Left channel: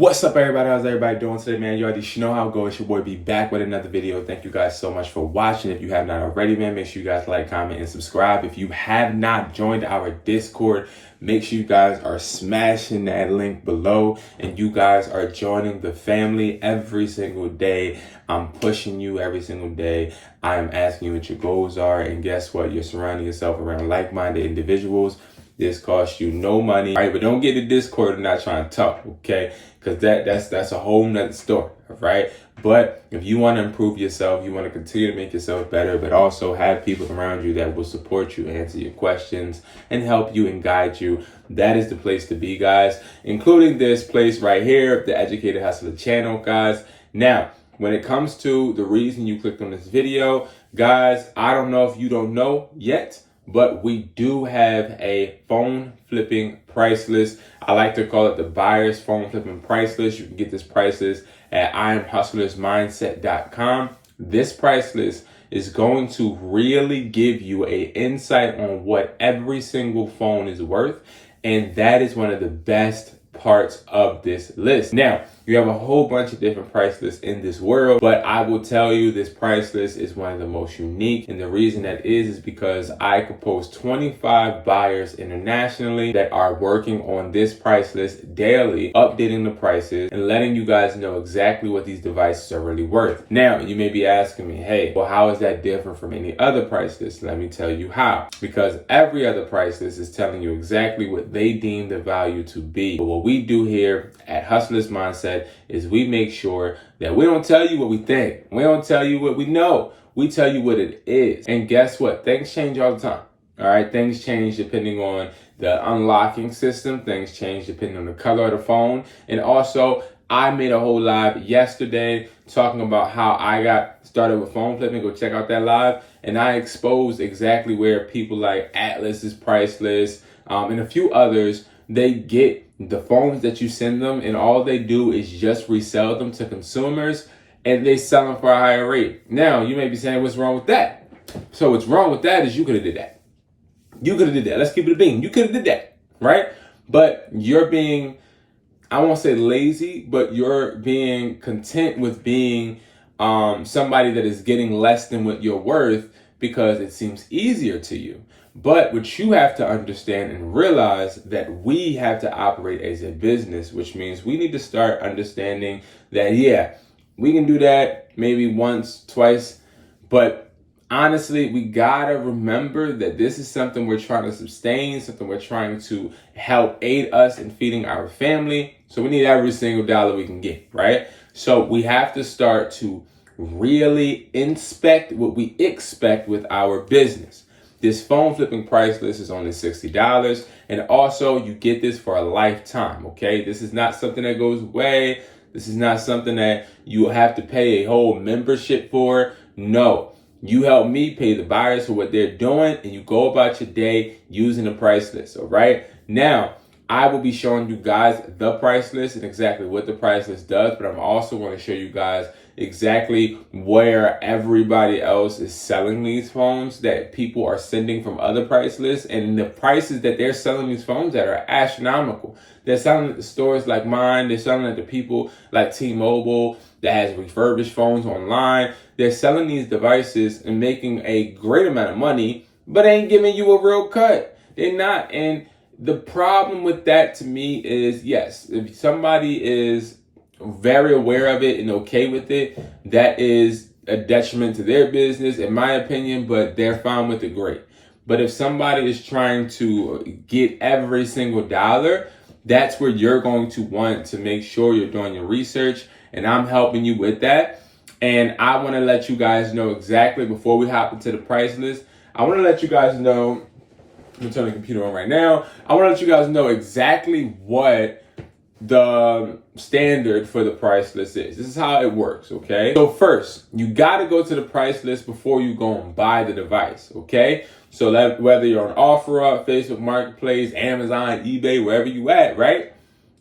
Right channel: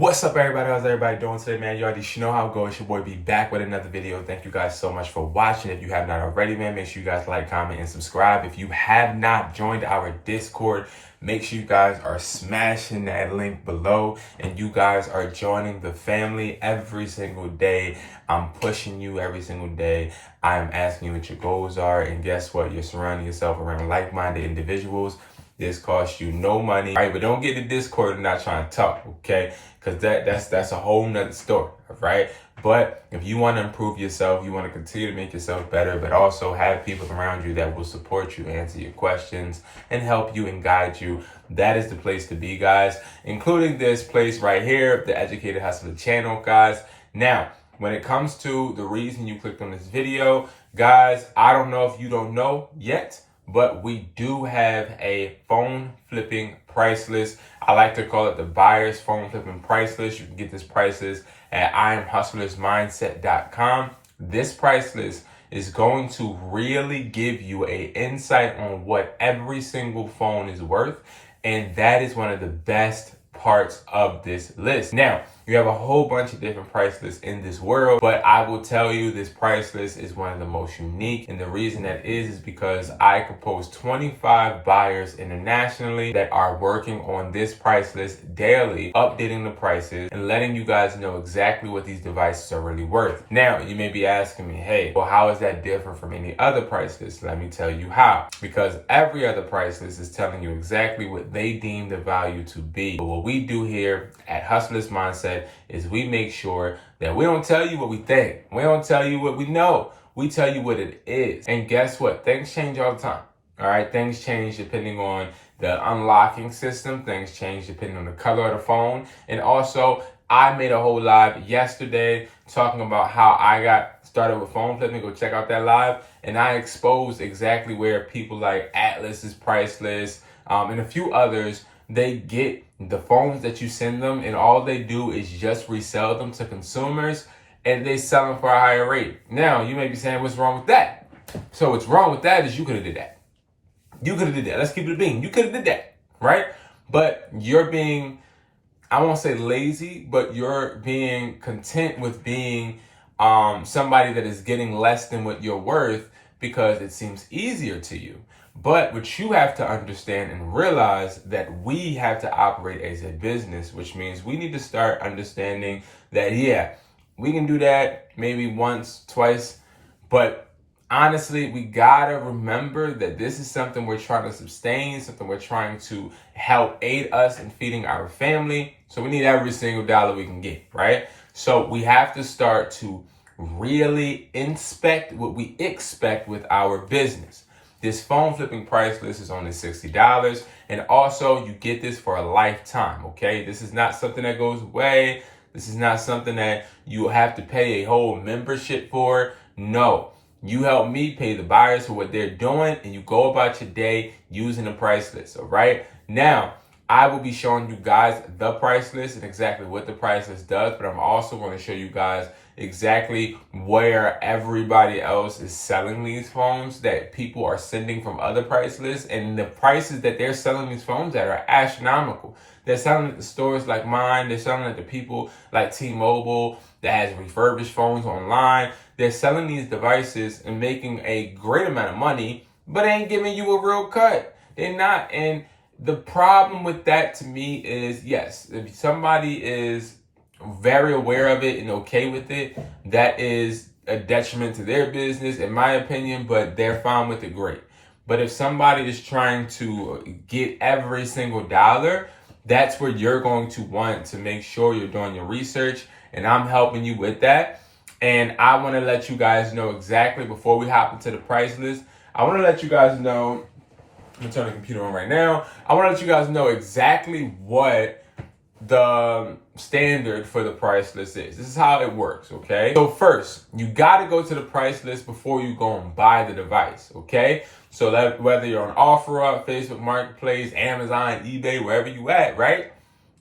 What's up, everybody? How's everybody doing today, man? You already know how it goes. It's your boy B back with another video. Thank you guys so much for watching. If you have not already, man, make sure you guys like, comment, and subscribe. If you have not joined our Discord, make sure you guys are smashing that link below and you guys are joining the family every single day. I'm pushing you every single day. I'm asking you what your goals are, and guess what? You're surrounding yourself around like-minded individuals. This costs you no money, all right? But don't get the Discord and not trying to talk, okay? Because that's a whole nother story, all right? But if you want to improve yourself, you want to continue to make yourself better, but also have people around you that will support you, answer your questions, and help you and guide you, that is the place to be, guys. Including this place right here, the Educated Hustler channel, guys. Now, when it comes to the reason you clicked on this video, guys, I don't know if you don't know yet, but we do have a phone flipping price list. I like to call it the buyer's phone flipping price list. You can get this price list at IamHustlersMindset.com. This price list is going to really give you an insight on what every single phone is worth. And that is one of the best parts of this list. Now, you have a whole bunch of different price lists in this world, but I will tell you this price list is one of the most unique. And the reason that is because I compose 25 buyers internationally that are working on this price list daily, updating the prices and letting you guys know exactly what these devices are really worth. Now, you may be asking me, hey, well, how is that different from any other price list? Let me tell you how. Because every other price list is telling you exactly what they deem the value to be. But what we do here at Hustlers Mindset is we make sure that we don't tell you what we think. We don't tell you what we know. We tell you what it is. And guess what? Things change all the time. All right. Things change depending on the unlocking system. Things change depending on the color of the phone. And also, I made a whole live yesterday talking about how I got started with phone flipping. Go check out that live. And I exposed exactly where people like Atlas's price list and a few others, they get the phones that you send them, and all they do is just resell them to consumers, and they sell them for a higher rate. Now, you may be saying, what's wrong with that? So what's wrong with that is you could have did that. You could have did that. Let's keep it a bean. You could have did that, right? But you're being, I won't say lazy, but you're being content with being somebody that is getting less than what you're worth because it seems easier to you. But what you have to understand and realize that we have to operate as a business, which means we need to start understanding that, yeah, we can do that maybe once, twice, but honestly, we gotta remember that this is something we're trying to sustain, something we're trying to help aid us in feeding our family. So we need every single dollar we can get, right? So we have to start to really inspect what we expect with our business. This phone flipping price list is only $60. And also you get this for a lifetime, okay? This is not something that goes away. This is not something that you have to pay a whole membership for. No, you help me pay the buyers for what they're doing, and you go about your day using the price list, all right? Now, I will be showing you guys the price list and exactly what the price list does, but I'm also going to show you guys exactly where everybody else is selling these phones that people are sending from other price lists, and the prices that they're selling these phones at are astronomical. They're selling at the stores like mine. They're selling at the people like T-Mobile that has refurbished phones online. They're selling these devices and making a great amount of money, but ain't giving you a real cut. They're not. And the problem with that to me is, yes, if somebody is very aware of it and okay with it, that is a detriment to their business, in my opinion, but they're fine with it, great. But if somebody is trying to get every single dollar, that's where you're going to want to make sure you're doing your research, and I'm helping you with that. And I want to let you guys know exactly, before we hop into the price list, I want to let you guys know, I'm going to turn the computer on right now. I want to let you guys know exactly what the standard for the price list is. This is how it works, okay? So first, you got to go to the price list before you go and buy the device, okay? So that whether you're on OfferUp, Facebook Marketplace, Amazon, eBay, wherever you at, right?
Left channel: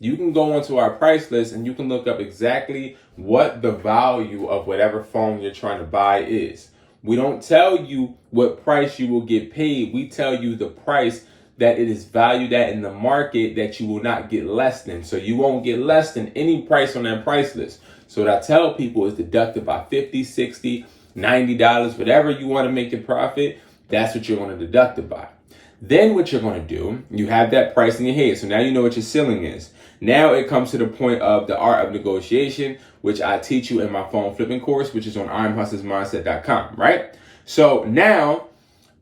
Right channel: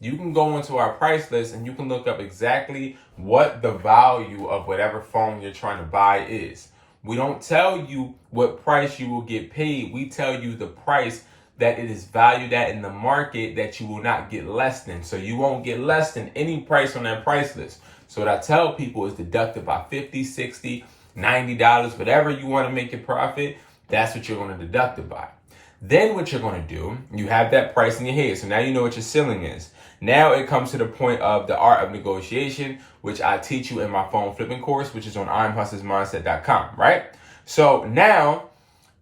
You can go onto our price list and you can look up exactly what the value of whatever phone you're trying to buy is. We don't tell you what price you will get paid. We tell you the price that it is valued at in the market that you will not get less than. So you won't get less than any price on that price list. So what I tell people is deduct it by $50, $60, $90, whatever you want to make your profit, that's what you're going to deduct it by. Then what you're going to do, you have that price in your head. So now you know what your ceiling is. Now it comes to the point of the art of negotiation, which I teach you in my phone flipping course, which is on IamHustlersMindset.com, right? So now,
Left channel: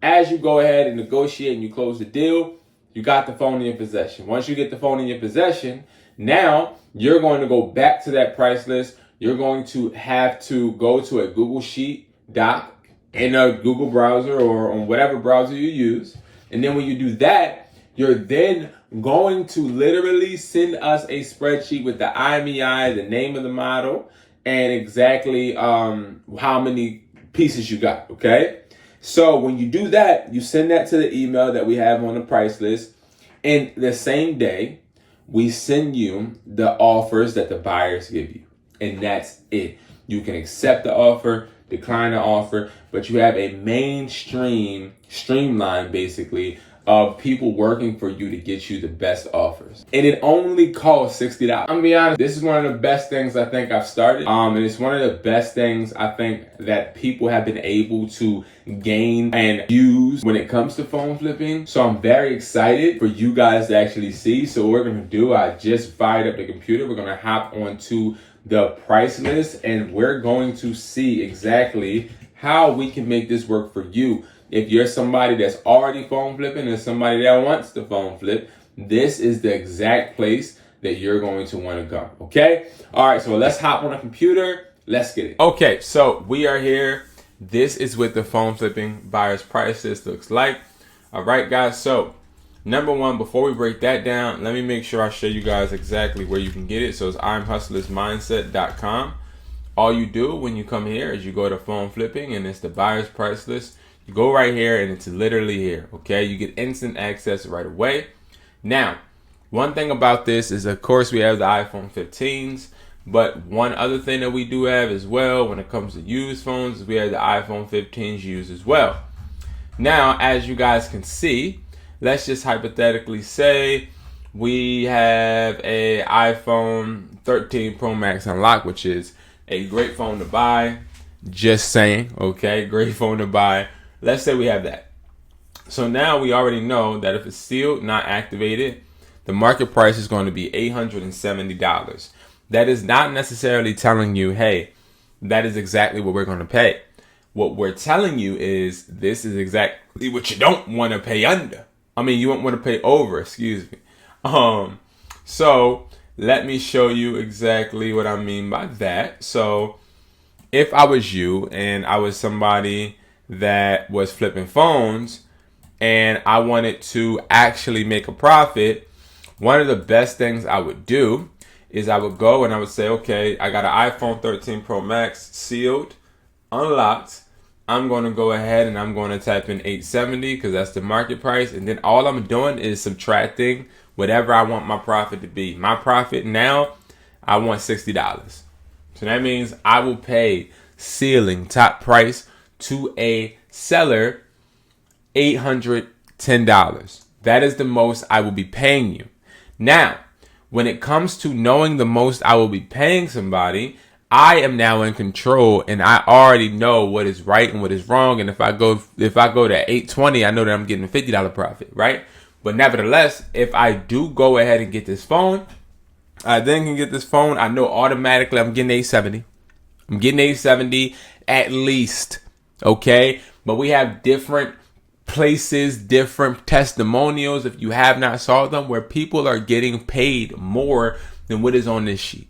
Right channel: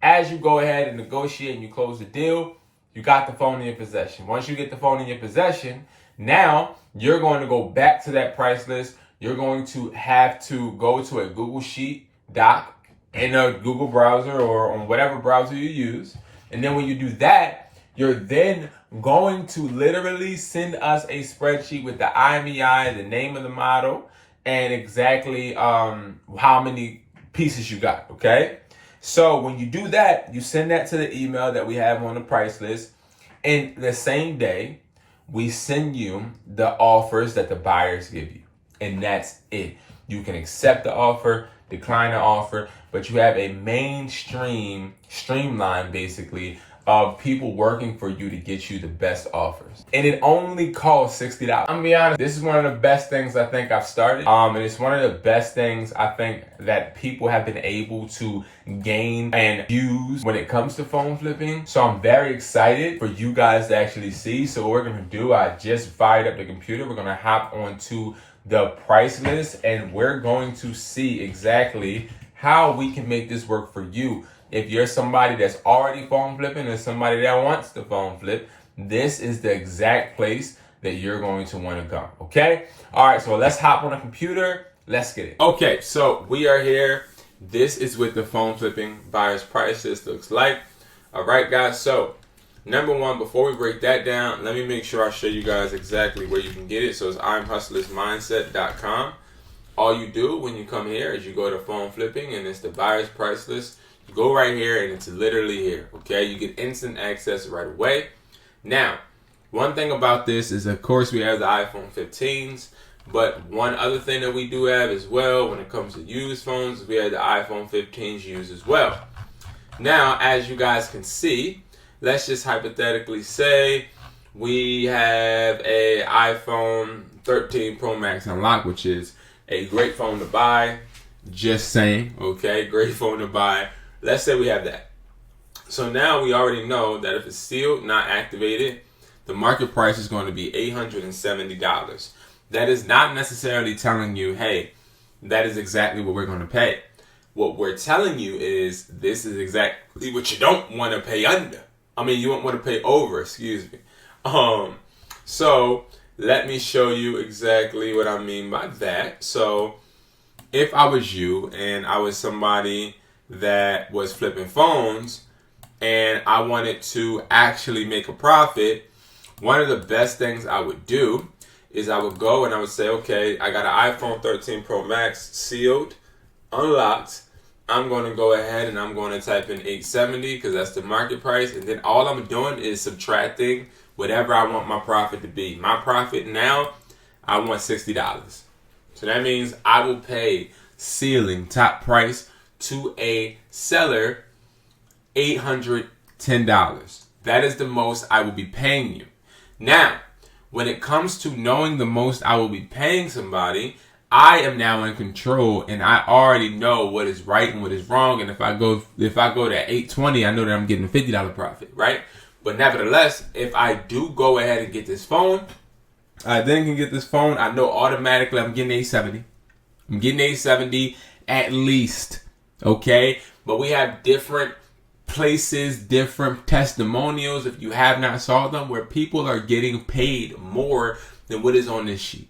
as you go ahead and negotiate and you close the deal, you got the phone in your possession. Once you get the phone in your possession, now you're going to go back to that price list. You're going to have to go to a Google Sheet doc in a Google browser or on whatever browser you use. And then when you do that, you're then going to literally send us a spreadsheet with the IMEI, the name of the model, and exactly how many pieces you got, okay? So when you do that, you send that to the email that we have on the price list. And the same day, we send you the offers that the buyers give you. And that's it. You can accept the offer, decline the offer, but you have a streamline basically of people working for you to get you the best offers. And it only costs $60. I'm gonna be honest, this is one of the best things I think I've started. And it's one of the best things I think that people have been able to gain and use when it comes to phone flipping. So I'm very excited for you guys to actually see. So what we're gonna do, I just fired up the computer. We're gonna hop onto the price list and we're going to see exactly how we can make this work for you. If you're somebody that's already phone flipping and somebody that wants to phone flip, this is the exact place that you're going to want to go, okay? All right, so let's hop on the computer. Let's get it. Okay, so we are here. This is what the phone flipping buyer's price list looks like. All right, guys, so number one, before we break that down, let me make sure I show you guys exactly where you can get it. So it's IamHustlersMindset.com. All you do when you come here is you go to phone flipping and it's the buyer's price list. You go right here and it's literally here, okay? You get instant access right away. Now, one thing about this is, of course, we have the iPhone 15s, but one other thing that we do have as well when it comes to used phones is we have the iPhone 15s used as well. Now, as you guys can see, let's just hypothetically say we have a iPhone 13 Pro Max unlocked, which is a great phone to buy. Just saying, okay? Great phone to buy. Let's say we have that. So now we already know that if it's sealed, not activated, the market price is going to be $870. That is not necessarily telling you, hey, that is exactly what we're going to pay. What we're telling you is this is exactly what you don't want to pay under. I mean, you don't want to pay over, excuse me. So let me show you exactly what I mean by that. So if I was you and I was somebody that was flipping phones and I wanted to actually make a profit, one of the best things I would do is I would go and I would say, okay, I got an iPhone 13 Pro Max sealed, unlocked. I'm going to go ahead and I'm going to type in 870 because that's the market price. And then all I'm doing is subtracting whatever I want my profit to be. My profit now, I want $60. So that means I will pay ceiling top price to a seller $810. That is the most I will be paying you. Now, when it comes to knowing the most I will be paying somebody, I am now in control and I already know what is right and what is wrong. And if I go to 820, I know that I'm getting a $50 profit, right? But nevertheless, if I do go ahead and get this phone, I then can get this phone, I know automatically I'm getting 870. I'm getting 870 at least, okay? But we have different places, different testimonials, if you have not saw them, where people are getting paid more than what is on this sheet.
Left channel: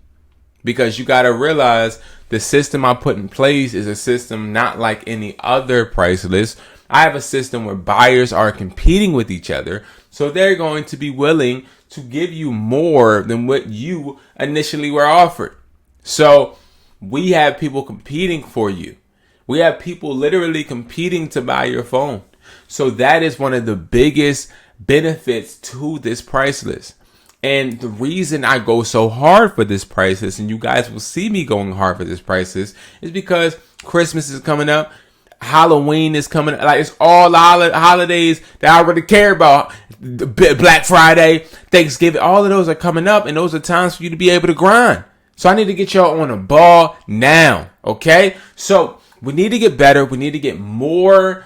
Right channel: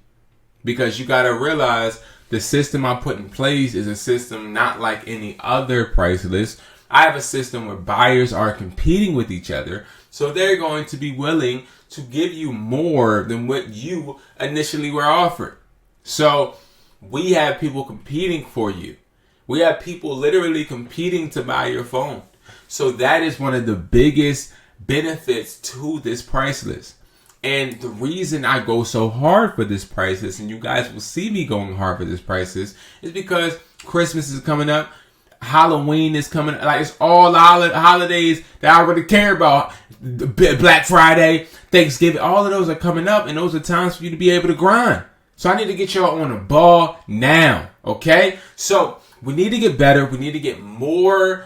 Because you got to realize the system I put in place is a system not like any other price list. I have a system where buyers are competing with each other. So they're going to be willing to give you more than what you initially were offered. So we have people competing for you. We have people literally competing to buy your phone. So that is one of the biggest benefits to this price list. And the reason I go so hard for this price list, and you guys will see me going hard for this price list, is because Christmas is coming up. Halloween is coming up. Like, it's all holidays that I really care about. Black Friday, Thanksgiving, all of those are coming up, and those are times for you to be able to grind. So I need to get y'all on the ball now, okay? So we need to get better. We need to get more.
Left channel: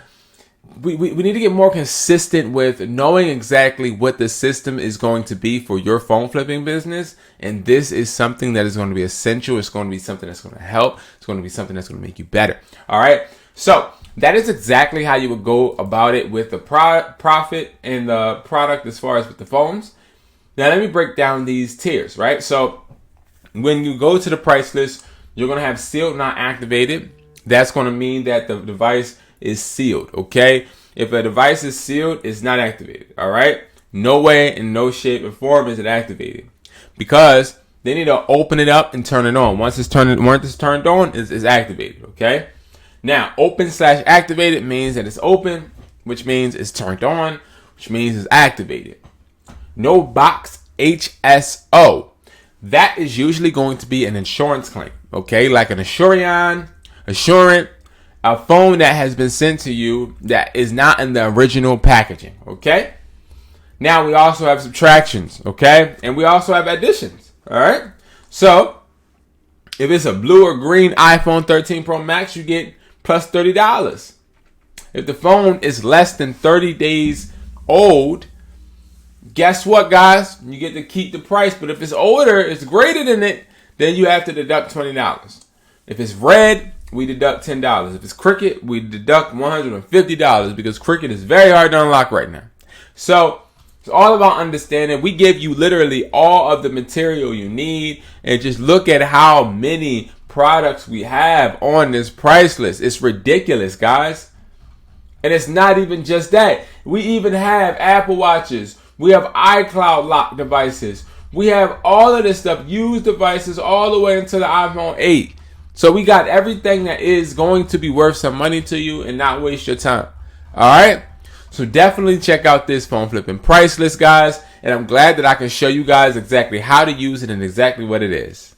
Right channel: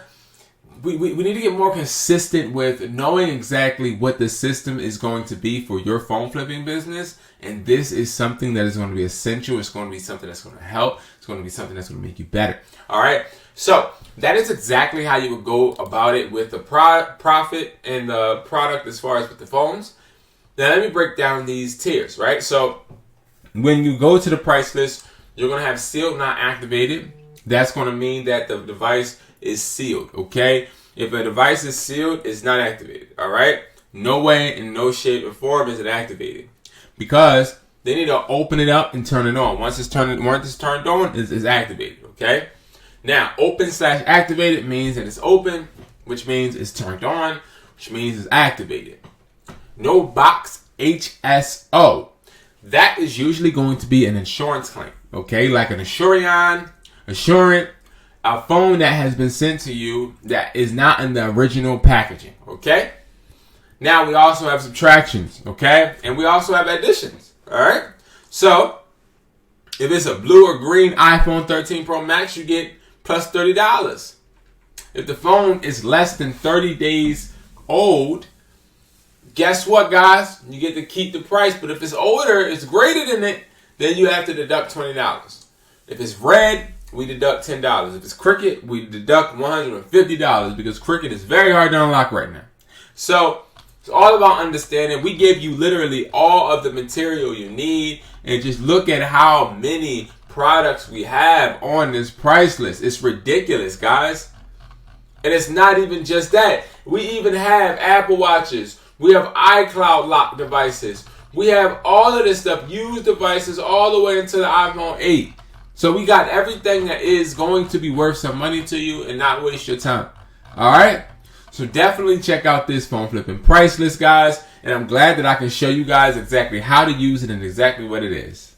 We need to get more consistent with knowing exactly what the system is going to be for your phone flipping business. And this is something that is going to be essential. It's going to be something that's going to help. It's going to be something that's going to make you better. All right. So that is exactly how you would go about it with the profit and the product as far as with the phones. Now let me break down these tiers, right? So when you go to the price list, you're going to have sealed, not activated. That's going to mean that the device is sealed, okay? If a device is sealed, it's not activated, all right? No way, in no shape or form is it activated, because they need to open it up and turn it on. Once it's turned on, it's activated, okay? Now, open/activated means that it's open, which means it's turned on, which means it's activated. No box HSO. That is usually going to be an insurance claim, okay? Like an Assurant, a phone that has been sent to you that is not in the original packaging, okay? Now we also have subtractions, okay? And we also have additions, all right? So if it's a blue or green iPhone 13 Pro Max, you get plus $30. If the phone is less than 30 days old, guess what, guys? You get to keep the price. But if it's older, it's greater than it, then you have to deduct $20. If it's red, we deduct $10. If it's Cricket, we deduct $150 because Cricket is very hard to unlock right now. So it's all about understanding. We give you literally all of the material you need, and just look at how many products we have on this price list. It's ridiculous, guys. And it's not even just that. We even have Apple Watches. We have iCloud lock devices. We have all of this stuff, used devices all the way into the iPhone 8. So we got everything that is going to be worth some money to you and not waste your time. All right? So definitely check out this phone flipping price list, guys. And I'm glad that I can show you guys exactly how to use it and exactly what it is.